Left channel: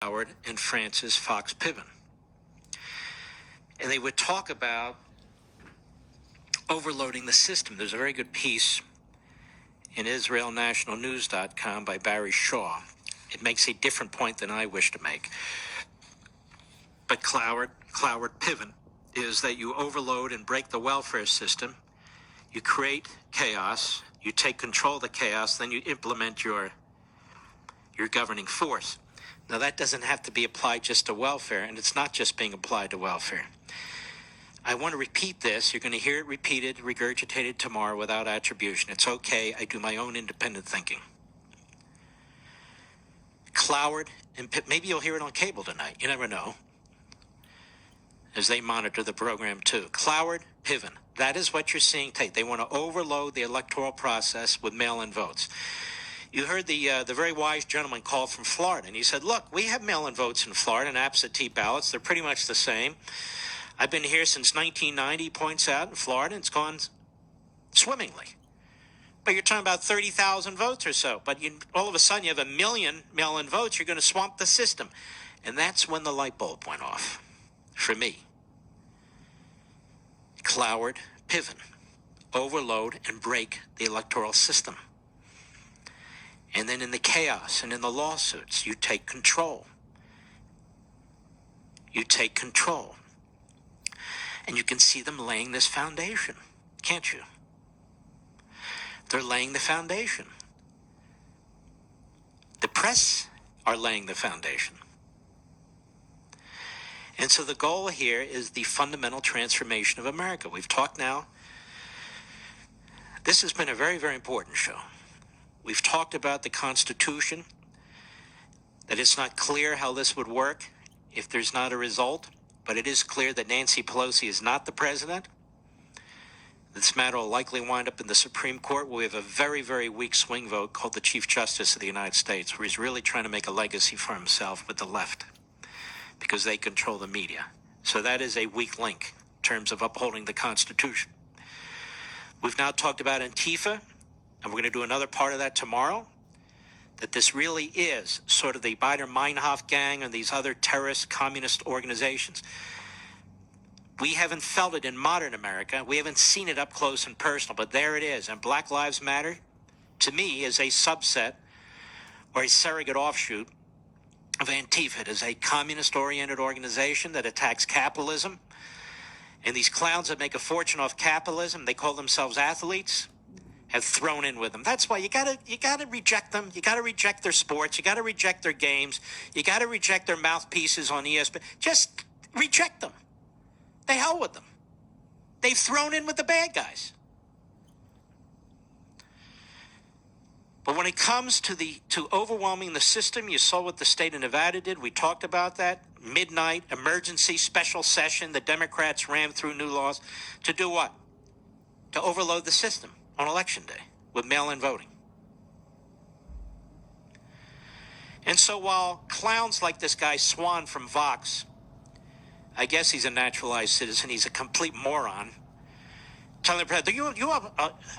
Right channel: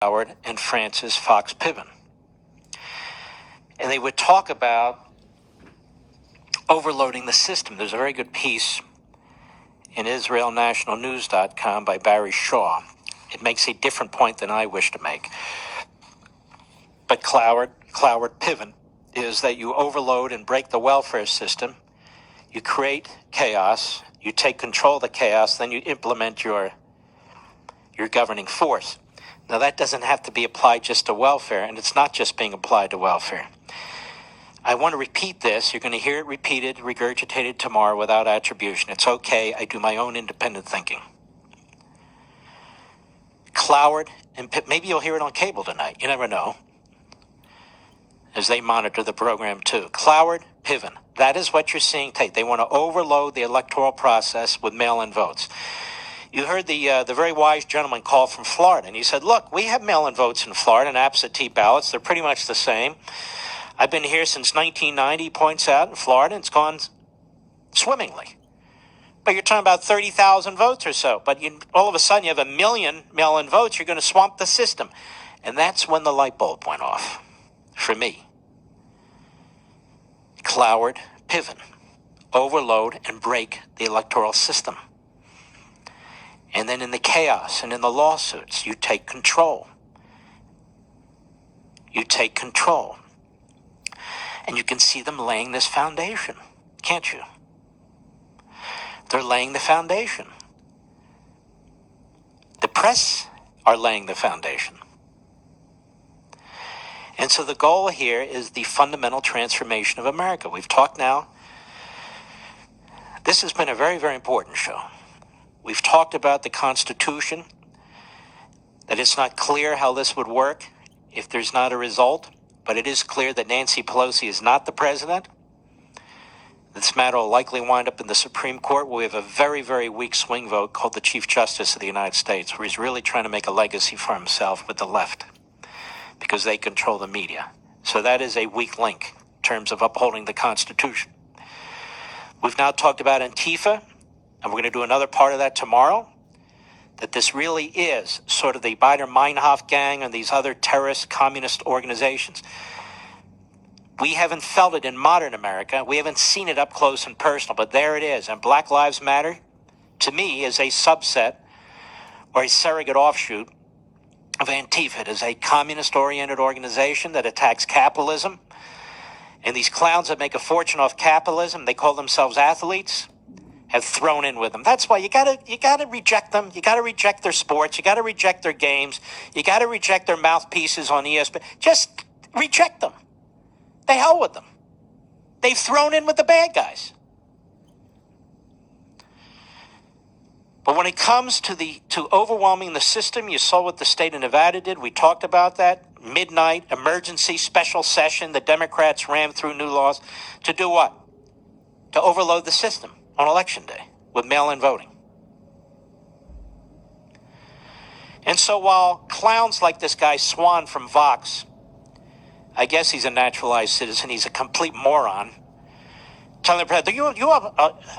Howard and Francis Fox Piven. And they would talk about overloading the system. There's a very good piece in IsraelNationalNews.com by Barry Shaw. It makes a different point than I wish to make. But Cloward Piven is that you overload and break the welfare system, you create chaos, you take control of the chaos, then you implement your governing force. Now, that doesn't have to be applied just to welfare, and it's not just being applied to welfare. I want to repeat this. You're going to hear it repeated, regurgitated tomorrow without attribution. It's okay. I do my own independent thinking. Cloward and maybe you'll hear it on cable tonight. You never know, as they monitor the program too. Cloward, Piven. That is what you're seeing take. They want to overload the electoral process with mail-in votes. You heard the very wise gentleman call from Florida, and he said, look, we have mail-in votes in Florida and absentee ballots. They're pretty much the same. I've been here since 1990, he points out, in Florida, and it's gone swimmingly. But you're talking about 30,000 votes or so. But all of a sudden, you have 1 million mail-in votes. You're going to swamp the system. And that's when the light bulb went off for me. Cloward, Piven. Overload and break the electoral system. And then in the chaos and in the lawsuits, you take control. You take control. And you can see them laying this foundation, can't you? They're laying the foundation. The press are laying the foundation. And so the goal here is the fundamental transformation of America. We've talked now. This has been a very, very important show. We've talked about the Constitution, that it's not clear how this would work if there's not a result, but it is clear that Nancy Pelosi is not the president. This matter will likely wind up in the Supreme Court, where we have a very, very weak swing vote called the Chief Justice of the United States, where he's really trying to make a legacy for himself with the left, because they control the media. So that is a weak link in terms of upholding the Constitution. We've now talked about Antifa, and we're going to do another part of that tomorrow, that this really is sort of the Baader-Meinhof gang and these other terrorist communist organizations. We haven't felt it in modern America. We haven't seen it up close and personal, but there it is. And Black Lives Matter, to me, is a subset or a surrogate offshoot of Antifa. It is a communist-oriented organization that attacks capitalism. And these clowns that make a fortune off capitalism, they call themselves athletes, have thrown in with them. That's why you gotta reject them. You gotta reject their sports. You gotta reject their games. You gotta reject their mouthpieces on ESPN. Just reject them. The hell with them. They've thrown in with the bad guys. But when it comes to overwhelming the system, you saw what the state of Nevada did. We talked about that. Midnight, emergency, special session. The Democrats rammed through new laws. To do what? To overload the system on Election Day with mail-in voting. And so while clowns like this guy Swan from Vox, I guess he's a naturalized citizen, he's a complete moron, telling the president,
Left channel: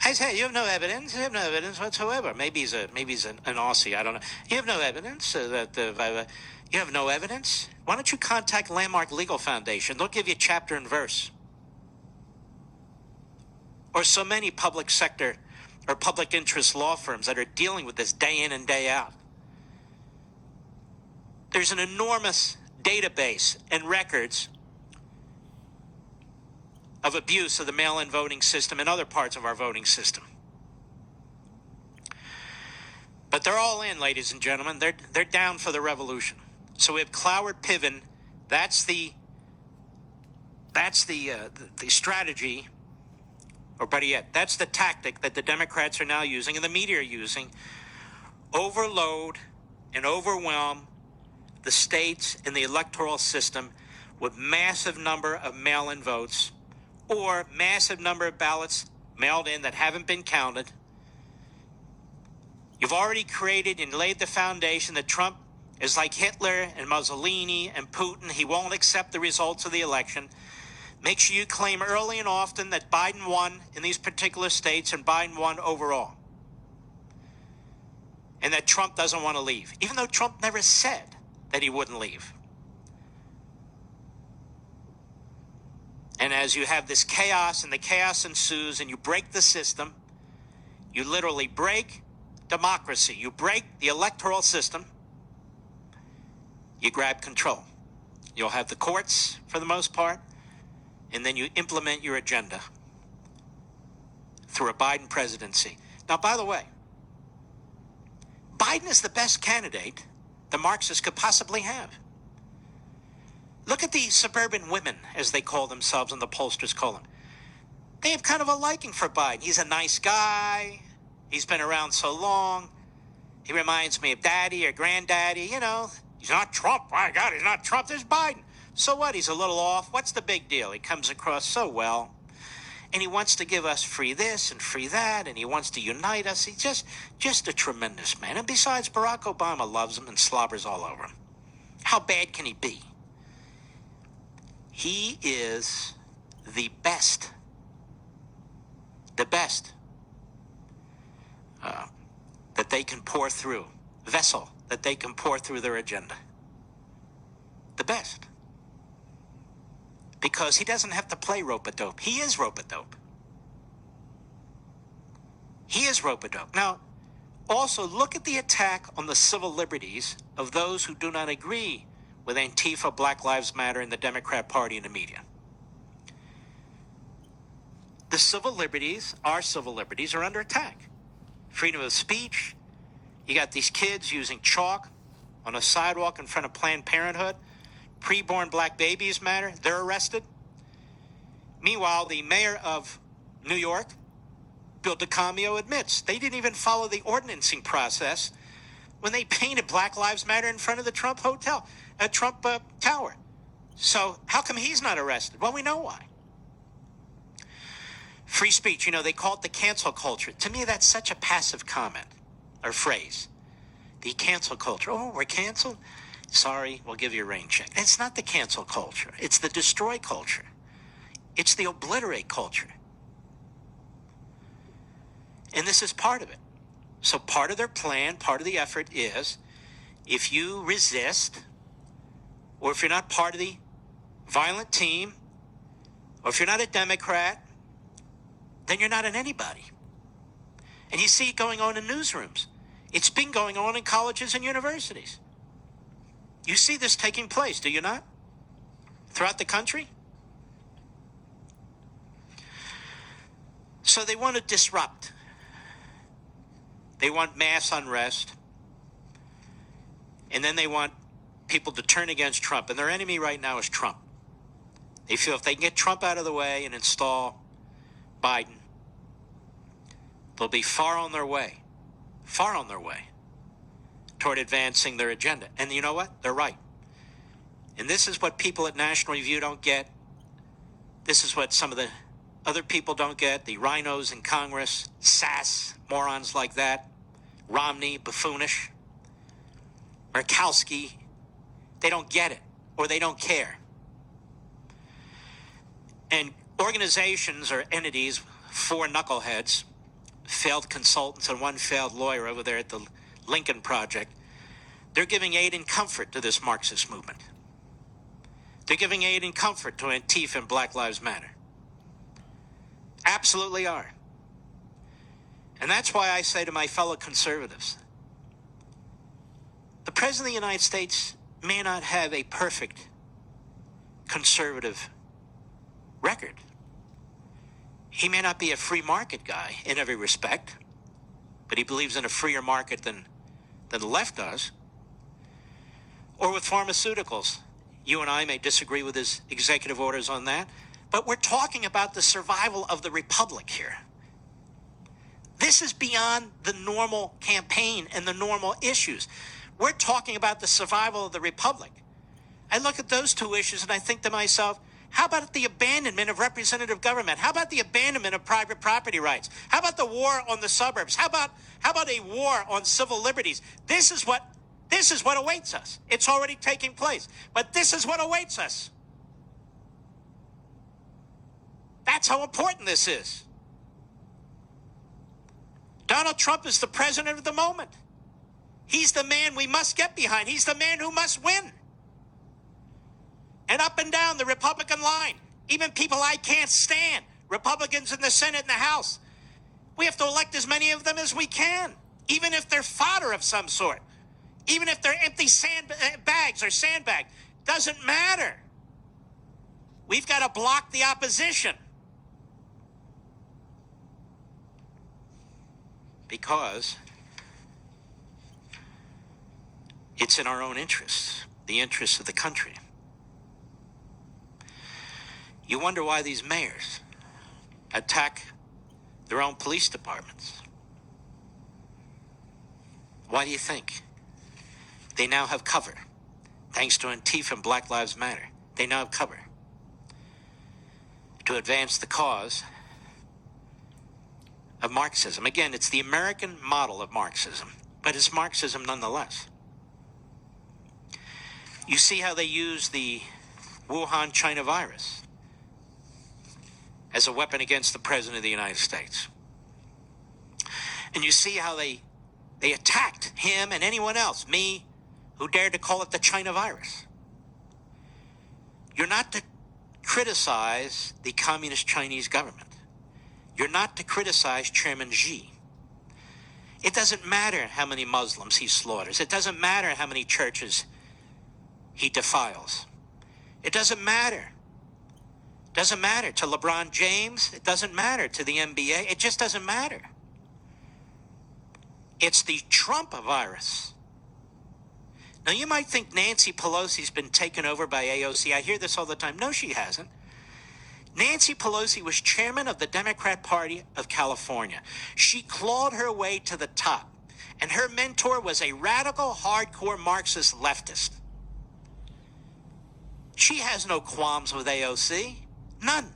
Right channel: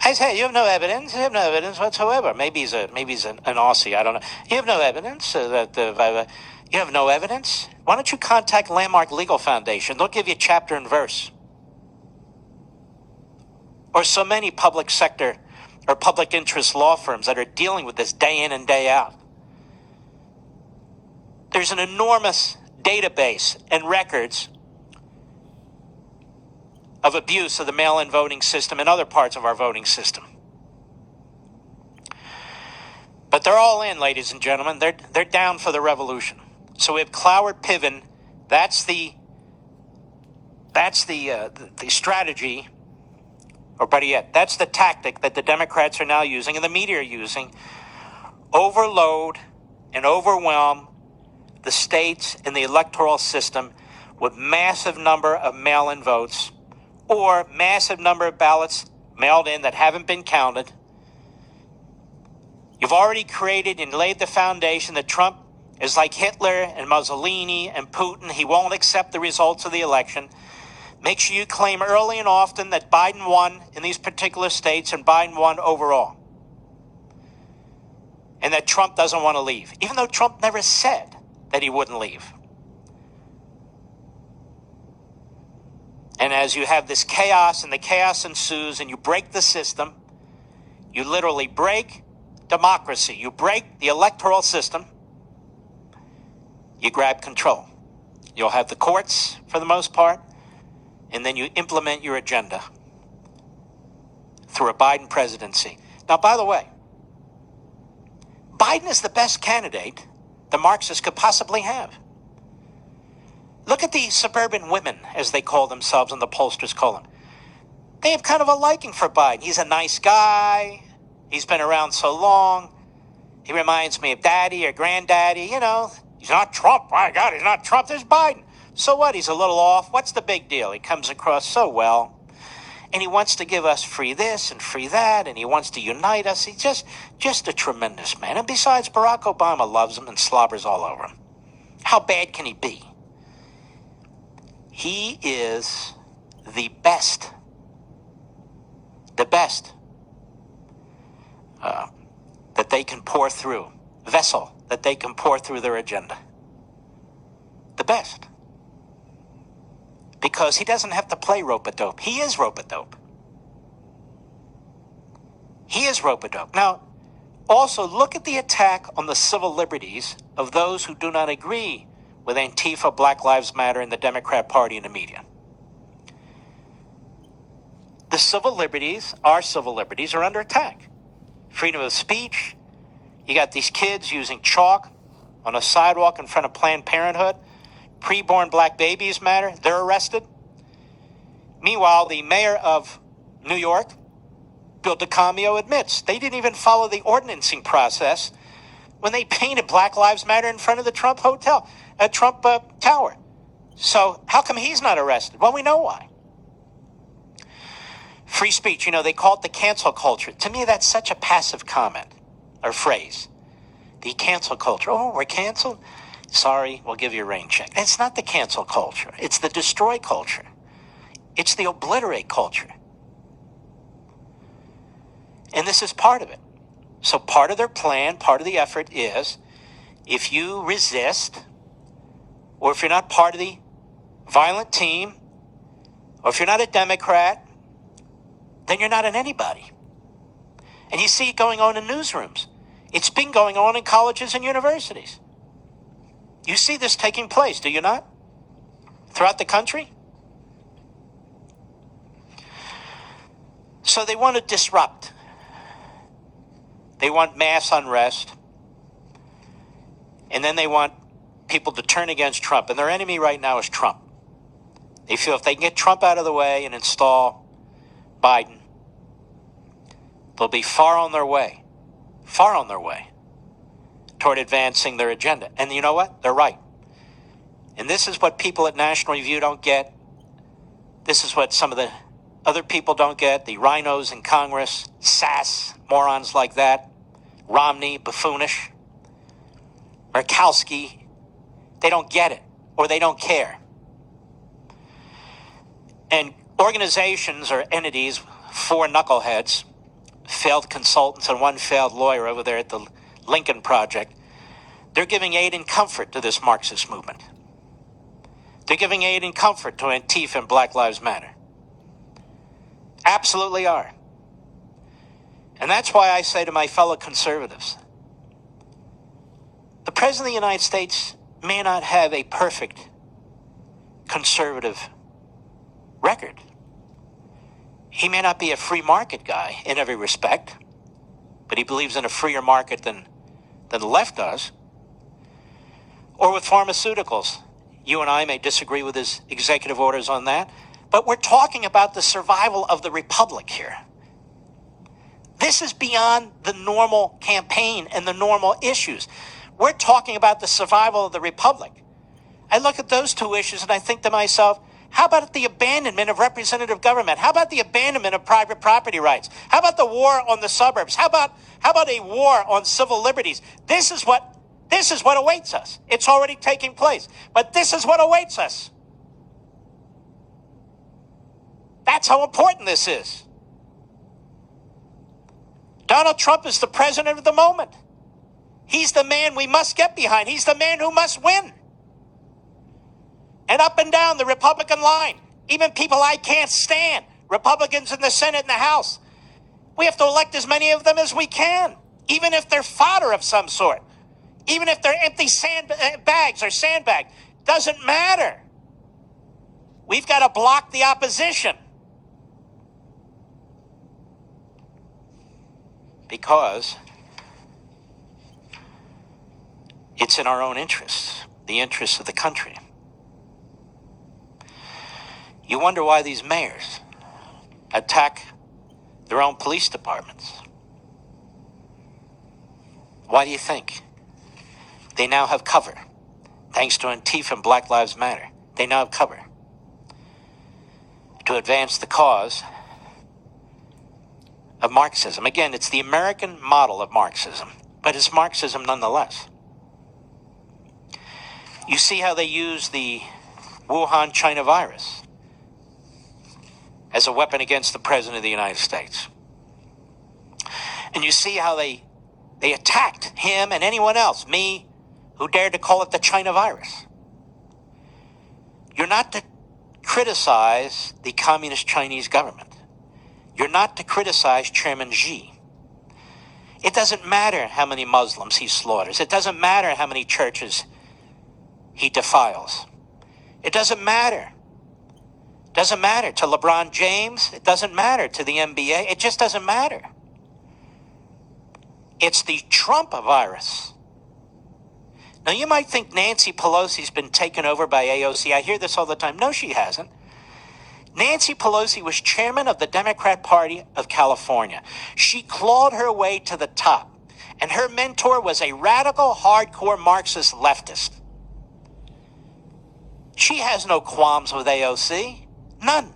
I say, you have no evidence. You have no evidence whatsoever. Maybe he's an Aussie. I don't know. You have no evidence you have no evidence. Why don't you contact Landmark Legal Foundation? They'll give you chapter and verse. Or so many public sector or public interest law firms that are dealing with this day in and day out. There's an enormous database and records of abuse of the mail-in voting system and other parts of our voting system. But they're all in, ladies and gentlemen. They're down for the revolution. So we have Cloward Piven. That's the strategy, or better yet, that's the tactic that the Democrats are now using and the media are using. Overload and overwhelm the states and the electoral system with massive number of mail-in votes or massive number of ballots mailed in that haven't been counted. You've already created and laid the foundation that Trump is like Hitler and Mussolini and Putin. He won't accept the results of the election. Make sure you claim early and often that Biden won in these particular states and Biden won overall. And that Trump doesn't want to leave, even though Trump never said that he wouldn't leave. And as you have this chaos and the chaos ensues and you break the system, you literally break democracy. You break the electoral system. You grab control. You'll have the courts for the most part, and then you implement your agenda through a Biden presidency. Now, by the way, Biden is the best candidate the Marxists could possibly have. Look at the suburban women, as they call themselves and the pollsters call them. They have kind of a liking for Biden. He's a nice guy. He's been around so long. He reminds me of daddy or granddaddy. You know, he's not Trump. My God, he's not Trump. There's Biden. So what? He's a little off. What's the big deal? He comes across so well. And he wants to give us free this and free that. And he wants to unite us. He's just a tremendous man. And besides, Barack Obama loves him and slobbers all over him. How bad can he be? He is the best. The best that they can pour through, vessel that they can pour through their agenda. The best. Because he doesn't have to play rope-a-dope. He is rope-a-dope. He is rope-a-dope. Now, also look at the attack on the civil liberties of those who do not agree with Antifa, Black Lives Matter, and the Democrat Party and the media. The civil liberties, our civil liberties, are under attack. Freedom of speech. You got these kids using chalk on a sidewalk in front of Planned Parenthood. Preborn black babies matter. They're arrested. Meanwhile, the mayor of New York, Bill DeCamio, admits they didn't even follow the ordinancing process when they painted Black Lives Matter in front of the Trump Tower. So how come he's not arrested? Well, we know why. Free speech, you know, they call it the cancel culture. To me, that's such a passive comment or phrase. The cancel culture. Oh, we're canceled? Sorry, we'll give you a rain check. It's not the cancel culture. It's the destroy culture. It's the obliterate culture. And this is part of it. So part of their plan, part of the effort is, if you resist, or if you're not part of the violent team, or if you're not a Democrat, then you're not an anybody. And you see it going on in newsrooms. It's been going on in colleges and universities. You see this taking place, do you not? Throughout the country? So they want to disrupt. They want mass unrest. And then they want people to turn against Trump. And their enemy right now is Trump. They feel if they can get Trump out of the way and install Biden, they'll be far on their way toward advancing their agenda. And you know what? They're right. And this is what people at National Review don't get. This is what some of the other people don't get. The rhinos in Congress, sass, morons like that. Romney, buffoonish. Murkowski. They don't get it, or they don't care. And organizations or entities, 4 knuckleheads, failed consultants and 1 failed lawyer over there at the Lincoln Project, they're giving aid and comfort to this Marxist movement. They're giving aid and comfort to Antifa and Black Lives Matter. Absolutely are. And that's why I say to my fellow conservatives, the President of the United States may not have a perfect conservative record. He may not be a free market guy in every respect, but he believes in a freer market than the left does. Or with pharmaceuticals. You and I may disagree with his executive orders on that, but we're talking about the survival of the republic here. This is beyond the normal campaign and the normal issues. We're talking about the survival of the republic. I look at those 2 issues and I think to myself, how about the abandonment of representative government? How about the abandonment of private property rights? How about the war on the suburbs? How about a war on civil liberties? This is what awaits us. It's already taking place, but this is what awaits us. That's how important this is. Donald Trump is the president of the moment. He's the man we must get behind. He's the man who must win. And up and down the Republican line, even people I can't stand, Republicans in the Senate and the House, we have to elect as many of them as we can, even if they're fodder of some sort, even if they're empty bags or sandbags. Doesn't matter. We've got to block the opposition. Because it's in our own interests, the interests of the country. You wonder why these mayors attack their own police departments. Why do you think? They now have cover. Thanks to Antifa and Black Lives Matter, they now have cover to advance the cause of Marxism. Again, it's the American model of Marxism, but it's Marxism nonetheless. You see how they use the Wuhan China virus as a weapon against the President of the United States. And you see how they attacked him and anyone else, me, who dared to call it the China virus. You're not to criticize the communist Chinese government. You're not to criticize Chairman Xi. It doesn't matter how many Muslims he slaughters. It doesn't matter how many churches he defiles. It doesn't matter. It doesn't matter to LeBron James. It doesn't matter to the NBA. It just doesn't matter. It's the Trump virus. Now, you might think Nancy Pelosi's been taken over by AOC. I hear this all the time. No, she hasn't. Nancy Pelosi was chairman of the Democrat Party of California. She clawed her way to the top, and her mentor was a radical, hardcore Marxist leftist. She has no qualms with AOC. None.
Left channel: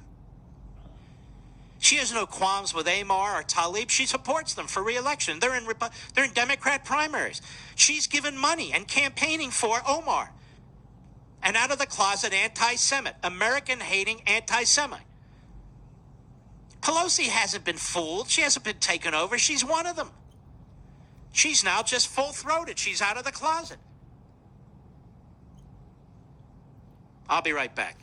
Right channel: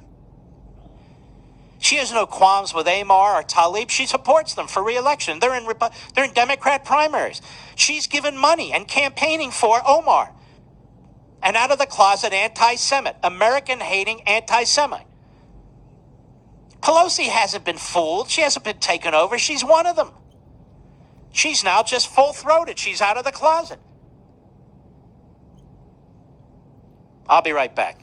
She has no qualms with Amar or Tlaib. She supports them for re-election. They're in Democrat primaries. She's given money and campaigning for Omar, an out-of-the-closet anti-Semite, American-hating anti-Semite. Pelosi hasn't been fooled. She hasn't been taken over. She's one of them. She's now just full-throated. She's out of the closet. I'll be right back.